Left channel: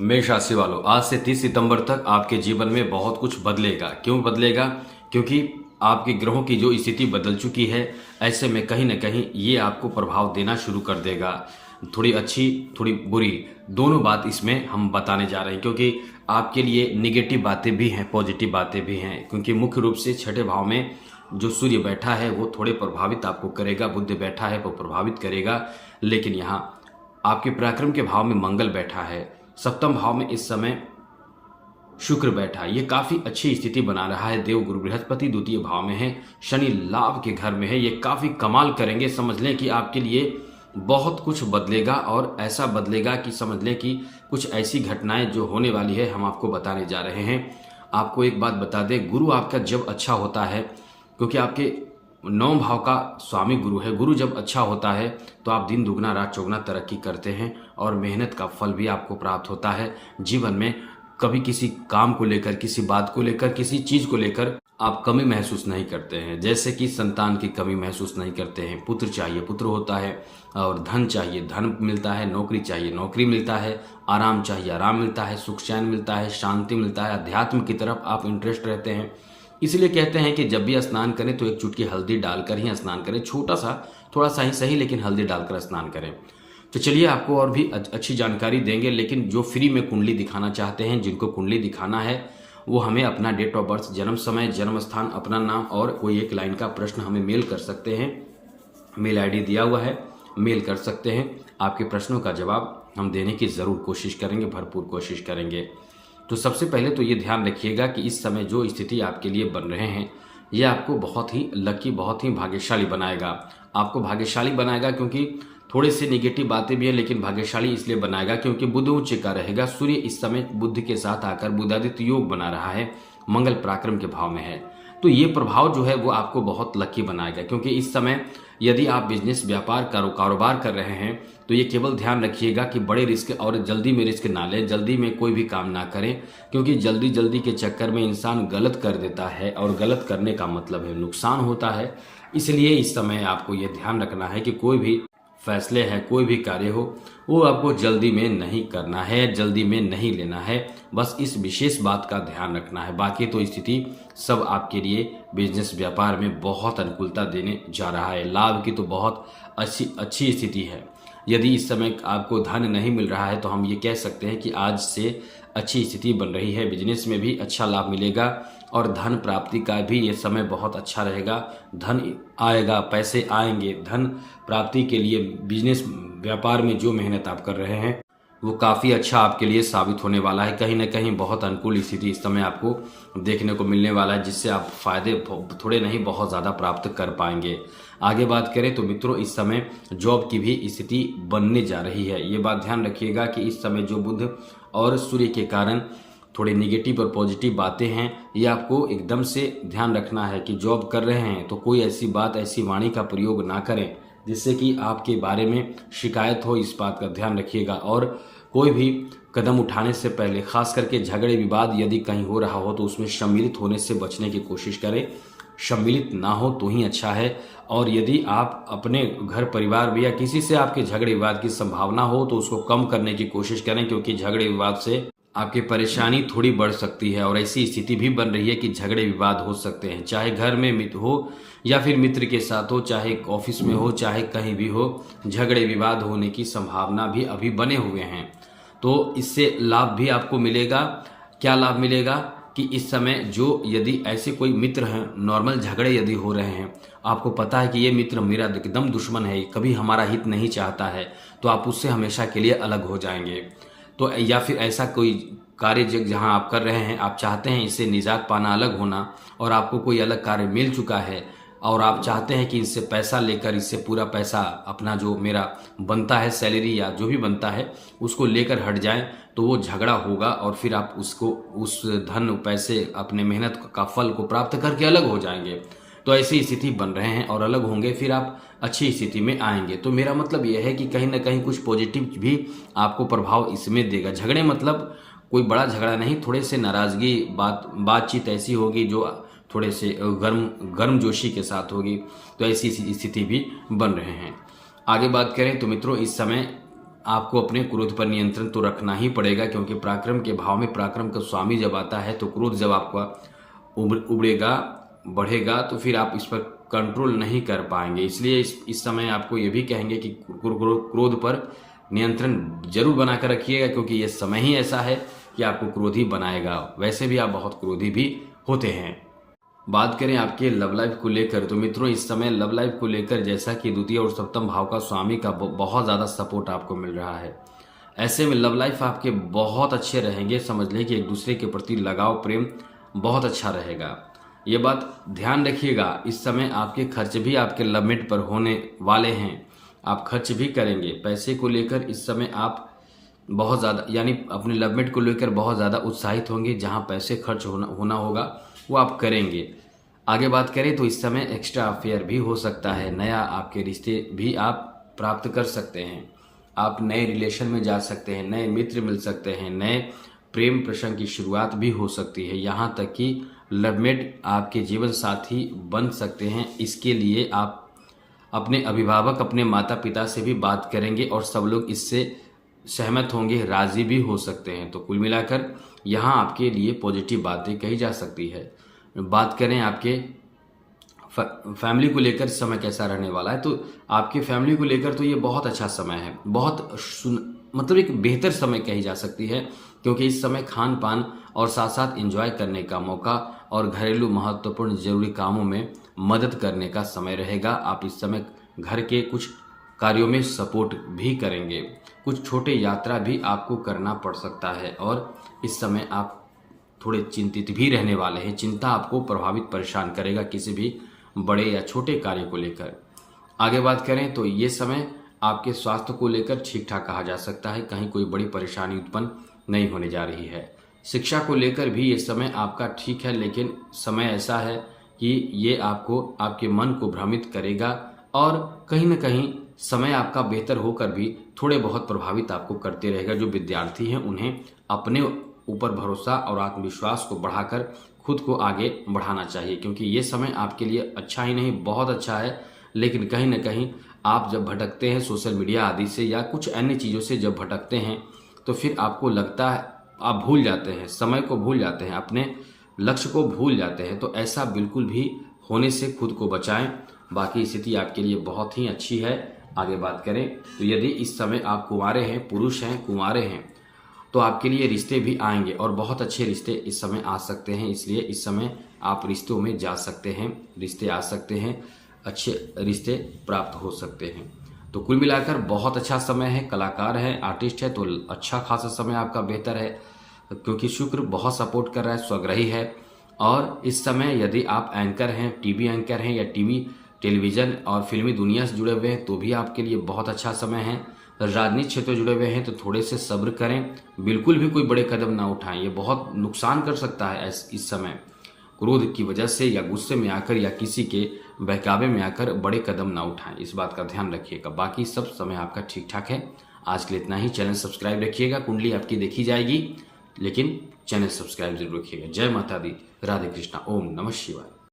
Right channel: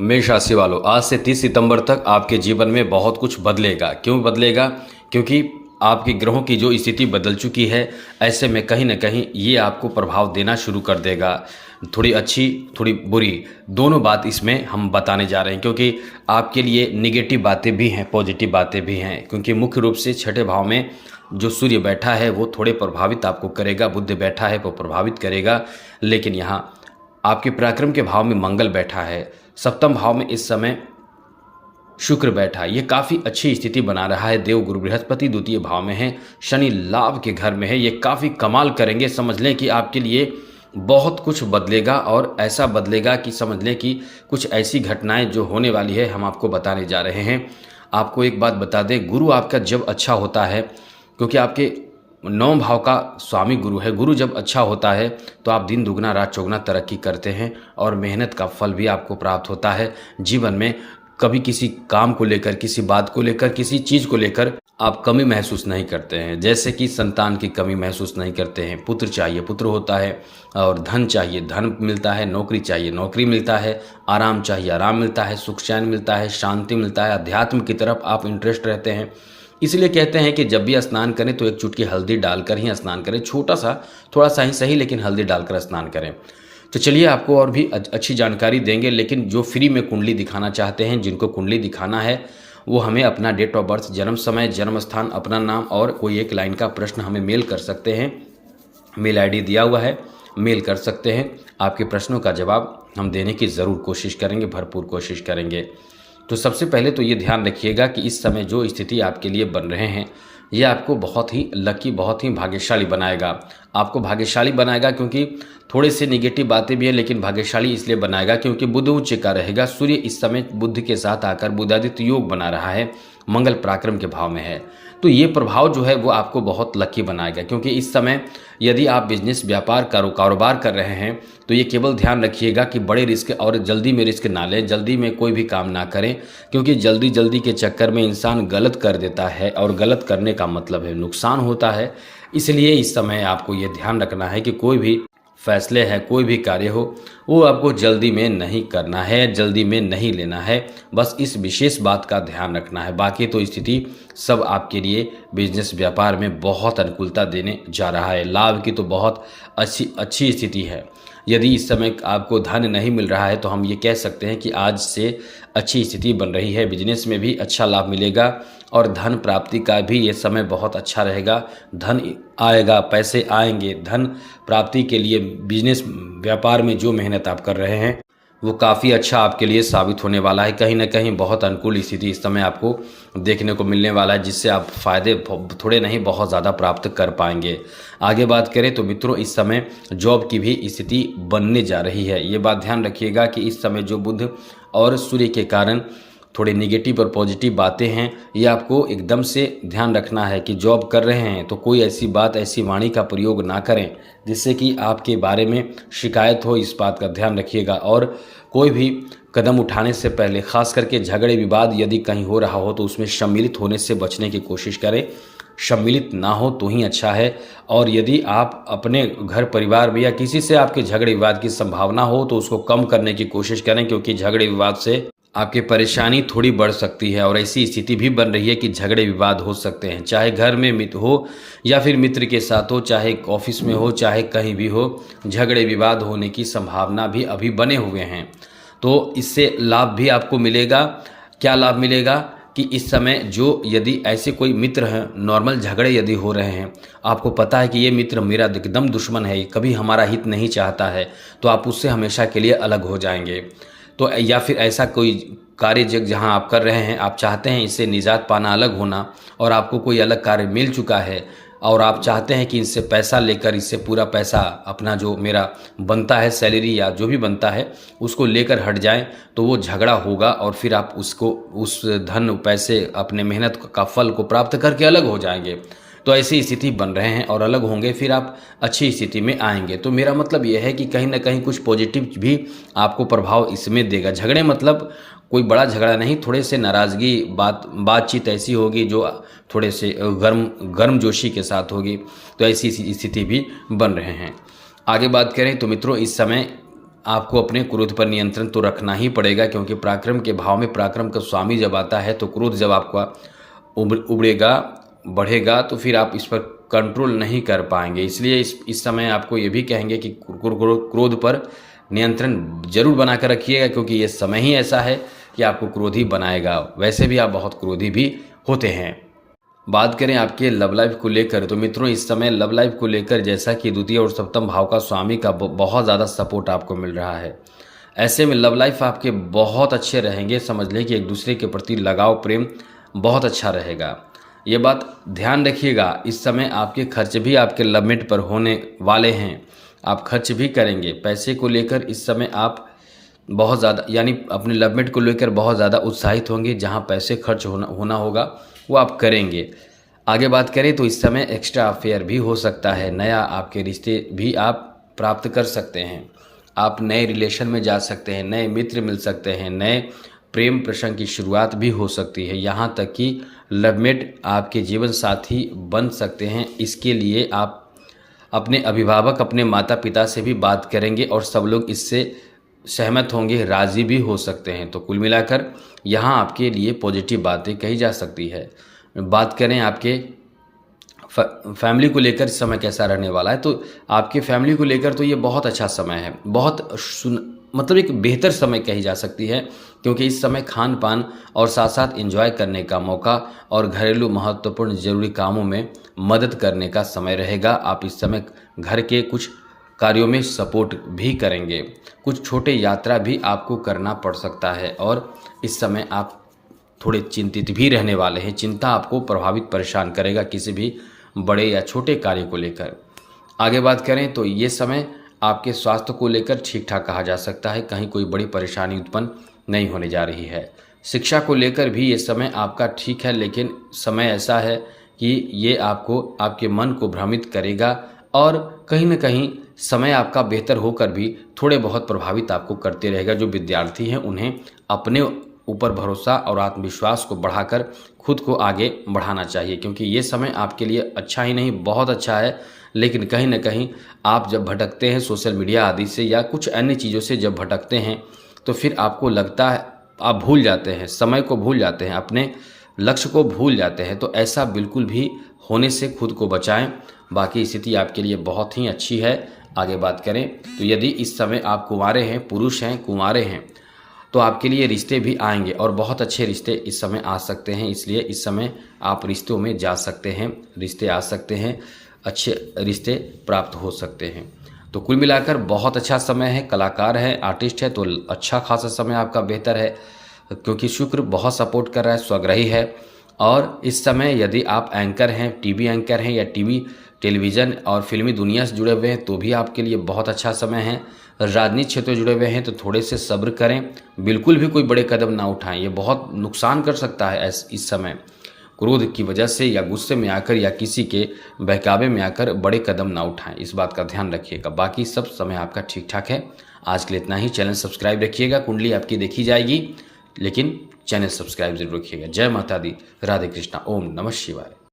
मेष राशि वालों, आज से 30 सितंबर तक आपके जीवन में बहुत कुछ बदलेगा। क्यों बदलेगा? क्योंकि आपके ग्रहों की जो स्थिति बदल चुकी है, ऐसे में कहीं ना कहीं ये आपको प्रभाव देना शुरू कर देगा। थोड़ी अच्छी थोड़ी बुरी दोनों बात इसमें हम बताने जा रहे हैं, क्योंकि आपके लिए निगेटिव बातें भी हैं, पॉजिटिव बातें भी हैं। क्योंकि मुख्य रूप से छठे भाव में जो सूर्य बैठा है वो थोड़े प्रभावित आपको करेगा, बुध बैठा है वो प्रभावित करेगा। लेकिन यहाँ आपके पराक्रम के भाव में मंगल बैठा है, सप्तम भाव में इस समय शुक्र बैठा है। ये काफ़ी अच्छी स्थिति बना रहा है। देव गुरु बृहस्पति द्वितीय भाव में है, शनि लाभ के घर में है। ये काफ़ी कमाल करेंगे। समझ लें कि आपके लिए बहुत कुछ बदलेगा, और ऐसा बदलेगा कि समझ लें कि कुछ ऐसी घटनाएं जो होने वाली है हम आपको बताने जा रहे हैं। आपको एक बात बता दें, गुरु आपका जब अच्छा होता है, क्योंकि आपके 9 भाव का स्वामी गुरु है, गुरु जब अच्छा होता है तो आप दिन दुगना रात चौगुना तरक्की करते हैं और मेहनत का फल भी आपको प्राप्त होता है। जीवन में कभी किसी काम को लेकर, किसी बात को लेकर, किसी चीज़ को लेकर आप कमी महसूस नहीं करते हैं। जैसे कि संतान की कमी महसूस नहीं करते हैं, पुत्र चाहिए पुत्र होता है, और धन चाहिए धन मिलता है, नौकरी चाहिए नौकरी मिलता है, आराम चाहिए आराम मिलता है, सुख चैन मिलता है, शांति मिलता है, अध्यात्म की तरफ आप इंटरेस्ट रहते हैं। इसलिए कहते हैं कि जब भी स्नान करें तो एक चुटकी हल्दी डालकर ही स्नान करें। छोटा सा, थोड़ा सा ही सही, लेकिन हल्दी डालकर स्नान करें। तो चलिए आपको और भी अच्छी जानकारी देंगे। लेकिन जो फ्री में कुंडली दिखाना चाहते हैं, जिनको कुंडली दिखाना है, वो हमें अपना डेट ऑफ बर्थ, जन्म समय, जन्म स्थान, अपना नाम और कोई एक लाइन का प्रश्न हमें मेल कर सकते हैं। मेल आईडी दिया हुआ है, मेल कर सकते हैं। आपके प्रश्नों का जवाब हम देने की ज़रूर कोशिश करेंगे, भरपूर कोशिश करेंगे। तो सबसे पहले तो ये ध्यान रखिएगा कि इस समय जो स्थिति आपके लिए बन रहे हैं, ये आपको बहुत ही लकी, बहुत ही भाग्यशाली बनाएगा। आपको भाग्यशाली बनाएगा क्योंकि थोड़े से निगेटिव बातें भी हैं, लेकिन भाग्यशाली इसलिए बनाएगा क्योंकि बुध उच्च का रहेगा। सूर्य इस समय बुध के साथ आकर बुधादित्य योग बना रहा है, मंगल पराक्रम के भाव में है। तो ये प्रभाव जो है वो आपको बहुत लकी बनाएगा, क्योंकि इस समय यदि आप बिजनेस, व्यापार, कारोबार कर रहे हैं तो ये केवल ध्यान रखिएगा कि बड़े रिस्क और जल्दी में रिस्क ना लें, जल्दी में कोई भी काम ना करें, क्योंकि जल्दी के चक्कर में इंसान गलत कर देता है, और गलत करने का मतलब है नुकसान होता है। इसलिए इस समय आपको ये ध्यान रखना है कि कोई भी फैसले हैं, कोई भी कार्य हो, वो आपको जल्दी में नहीं करना है, जल्दी में नहीं लेना है। बस इस विशेष बात का ध्यान रखना है। बाकी तो स्थिति सब आपके लिए बिजनेस, व्यापार में बहुत अनुकूलता देने जा रहा है। लाभ की तो बहुत अच्छी स्थिति है। यदि इस समय आपको धन नहीं मिल रहा है तो हम ये कह सकते हैं कि आज से अच्छी स्थिति बन रही है। बिजनेस में भी अच्छा लाभ मिलेगा, और धन प्राप्ति का भी ये समय बहुत अच्छा रहेगा। धन आएगा, पैसे आएंगे। धन प्राप्ति के लिए बिजनेस, व्यापार में जो मेहनत आप कर रहे हैं वो काफ़ी अच्छा आपके लिए साबित होने वाला है। कहीं ना कहीं बहुत अनुकूल स्थिति इस समय आपको देखने को मिलने वाला है, जिससे आप फायदे थोड़े नहीं बहुत ज़्यादा प्राप्त कर पाएंगे। आगे बात करें तो मित्रों, इस समय जॉब की भी स्थिति बनने जा रही है। ये बात ध्यान रखिएगा कि इस समय जो बुध और सूर्य के कारण थोड़ी निगेटिव और पॉजिटिव बातें हैं, ये आपको एकदम से ध्यान रखना है कि जॉब कर रहे हैं तो कोई ऐसी बात, ऐसी वाणी का प्रयोग ना करें जिससे कि आपके बारे में शिकायत हो। इस बात का ध्यान रखिएगा। और कोई भी कदम उठाने से पहले, खास करके झगड़े विवाद यदि कहीं हो रहा हो तो उसमें सम्मिलित होने से बचने की कोशिश करें। सम्मिलित ना हो तो ही अच्छा है। और यदि आप अपने घर परिवार में या किसी से आपके झगड़े विवाद की संभावना हो तो उसको कम करने की कोशिश करें, क्योंकि झगड़े विवाद से आपकी परेशानी थोड़ी बढ़ सकती है। और ऐसी स्थिति भी बन रही है कि झगड़े विवाद हो सकते हैं, चाहे घर में मित्र हो या फिर मित्र के साथ हो, चाहे ऑफिस में हो, चाहे कहीं भी हो, झगड़े विवाद होने की संभावना भी अभी बने हुए हैं। तो इससे लाभ भी आपको मिलेगा। क्या लाभ मिलेगा कि इस समय जो यदि ऐसे कोई मित्र हैं, नॉर्मल झगड़े यदि हो रहे हैं, आपको पता है कि ये मित्र मेरा एकदम दुश्मन है, कभी हमारा हित नहीं चाहता है, तो आप उससे हमेशा के लिए अलग हो जाएंगे। तो या फिर ऐसा कोई कार्य जहाँ आप कर रहे हैं, आप चाहते हैं इससे निजात पाना, अलग होना, और आपको कोई अलग कार्य मिल चुका है और आप चाहते हैं कि इनसे पैसा लेकर, इससे पूरा पैसा अपना जो मेरा बनता है, सैलरी या जो भी बनता है, उसको लेकर हट जाएं, तो वो झगड़ा होगा और फिर आप उसको, उस धन, पैसे, अपने मेहनत का फल को प्राप्त करके अलग हो जाएंगे। तो ऐसी स्थिति बन रहे हैं और अलग होंगे, फिर आप अच्छी स्थिति में आएंगे। तो मेरा मतलब यह है कि कहीं ना कहीं कुछ पॉजिटिव भी आपको प्रभाव इसमें देगा। झगड़े मतलब कोई बड़ा झगड़ा नहीं, थोड़े से नाराज़गी, बातचीत ऐसी होगी जो थोड़े से गर्मजोशी के साथ होगी। तो ऐसी स्थिति भी बन रहे हैं। आगे बात करें तो मित्रों, इस समय आपको अपने क्रोध पर नियंत्रण तो रखना ही पड़ेगा, क्योंकि पराक्रम के भाव में पराक्रम का स्वामी जब आता है तो क्रोध जब आपका उबड़ेगा बढ़ेगा तो फिर आप इस पर कंट्रोल नहीं कर पाएंगे। इसलिए इस समय आपको ये भी कहेंगे कि क्रोध पर नियंत्रण जरूर बनाकर रखिएगा, क्योंकि ये समय ही ऐसा है कि आपको क्रोधी बनाएगा। वैसे भी आप बहुत क्रोधी भी होते हैं। बात करें आपके लव लाइफ को लेकर, तो मित्रों इस समय लव लाइफ को लेकर जैसा कि द्वितीय और सप्तम भाव का स्वामी का बहुत ज़्यादा सपोर्ट आपको मिल रहा है। ऐसे में लव लाइफ आपके बहुत अच्छे रहेंगे। समझ लें कि एक दूसरे के प्रति लगाव प्रेम बहुत अच्छा रहेगा। ये बात ध्यान रखिएगा, इस समय आपके खर्च भी आपके लिमिट पर होने वाले हैं। आप खर्च भी करेंगे। पैसे को लेकर इस समय आप बहुत ज़्यादा यानी अपने लिमिट को लेकर बहुत ज़्यादा उत्साहित होंगे। जहां पैसे खर्च होना होगा वो आप करेंगे। आगे बात करें तो इस समय एक्स्ट्रा अफेयर भी हो सकता है। नया आपके रिश्ते भी आप प्राप्त कर सकते हैं। आप नए रिलेशन में जा सकते हैं, नए मित्र मिल सकते हैं, नए प्रेम प्रसंग की शुरुआत भी हो सकती है। यहाँ तक कि लवमेट आपके जीवन साथी बन सकते हैं। इसके लिए आप अपने अभिभावक, अपने माता पिता से भी बात करेंगे और सब लोग इससे सहमत होंगे, राज़ी भी हो सकते हैं। तो कुल मिलाकर यहाँ आपके लिए पॉजिटिव बातें कही जा सकती है। बात करें आपके फैमिली को लेकर इस समय कैसा रहने वाला है, तो आपके फैमिली को लेकर तो ये बहुत अच्छा समय है। बहुत मतलब एक बेहतर समय कही जा सकती है, क्योंकि इस समय खान पान और साथ साथ एंजॉय करने का मौका और घरेलू महत्वपूर्ण जरूरी कामों में मदद करने का समय रहेगा। आप इस समय घर के कुछ कार्यों में सपोर्ट भी करेंगे। कुछ छोटे यात्रा भी आपको करना पड़ सकता है और इस समय आप थोड़े चिंतित भी रहने वाले हैं। चिंता आपको प्रभावित परेशान करेगा किसी भी बड़े या छोटे कार्य को लेकर। आगे बात करें तो ये समय आपके स्वास्थ्य को लेकर ठीक ठाक कहा जा सकता है। कहीं कोई बड़ी परेशानी उत्पन्न नहीं होने जा रही है। शिक्षा को लेकर भी ये समय आपका ठीक है, लेकिन समय ऐसा है कि ये आपको आपके मन को भ्रमित करेगा और कहीं ना कहीं समय आपका बेहतर होकर भी थोड़े बहुत प्रभावित आपको करते रहेगा। जो विद्यार्थी हैं उन्हें अपने ऊपर भरोसा और आत्मविश्वास को बढ़ाकर खुद को आगे बढ़ाना चाहिए, क्योंकि ये समय आपके लिए अच्छा ही नहीं बहुत अच्छा है। लेकिन कहीं ना कहीं आप जब भटकते हैं सोशल मीडिया आदि से या कुछ अन्य चीज़ों से जब भटकते हैं तो फिर आपको लगता है आप भूल जाते हैं, समय को भूल जाते हैं, अपने लक्ष्य को भूल जाते हैं। तो ऐसा बिल्कुल भी होने से खुद को बचाएं। बाकी स्थिति आपके लिए बहुत ही अच्छी है। आगे बात करें तो यदि इस समय आप कुंवारे हैं, पुरुष हैं, कुंवारे हैं, तो आपके लिए रिश्ते भी आएंगे और बहुत अच्छे रिश्ते इस समय आ सकते हैं। इसलिए इस समय आप रिश्तों में जा सकते हैं, रिश्ते आ सकते हैं, अच्छे रिश्ते प्राप्त हो सकते हैं। तो कुल मिलाकर बहुत अच्छा समय है। कलाकार है, आर्टिस्ट है, तो अच्छा खासा समय आपका बेहतर है, क्योंकि शुक्र बहुत सपोर्ट कर रहा है, स्वग्रही है। और इस समय यदि आप एंकर हैं, टीवी एंकर हैं या टेलीविज़न और फिल्मी दुनिया से जुड़े हुए हैं तो भी आपके लिए बहुत अच्छा समय है। राजनीतिक क्षेत्र से जुड़े हुए हैं तो थोड़े से सब्र करें, बिल्कुल भी कोई बड़े कदम ना उठाएं। ये बहुत नुकसान कर सकता है इस समय। क्रोध की वजह से या गुस्से में आकर या किसी के बहकावे में आकर बड़े कदम ना उठाएं, इस बात का ध्यान रखिएगा। बाकी सब समय आपका ठीक ठाक है। आज के लिए इतना ही। चैनल सब्सक्राइब रखिएगा, कुंडली आपकी देखी जाएगी, लेकिन चैनल सब्सक्राइब जरूर रखिएगा। जय माता दी, राधे कृष्णा, ओम नमः शिवाय।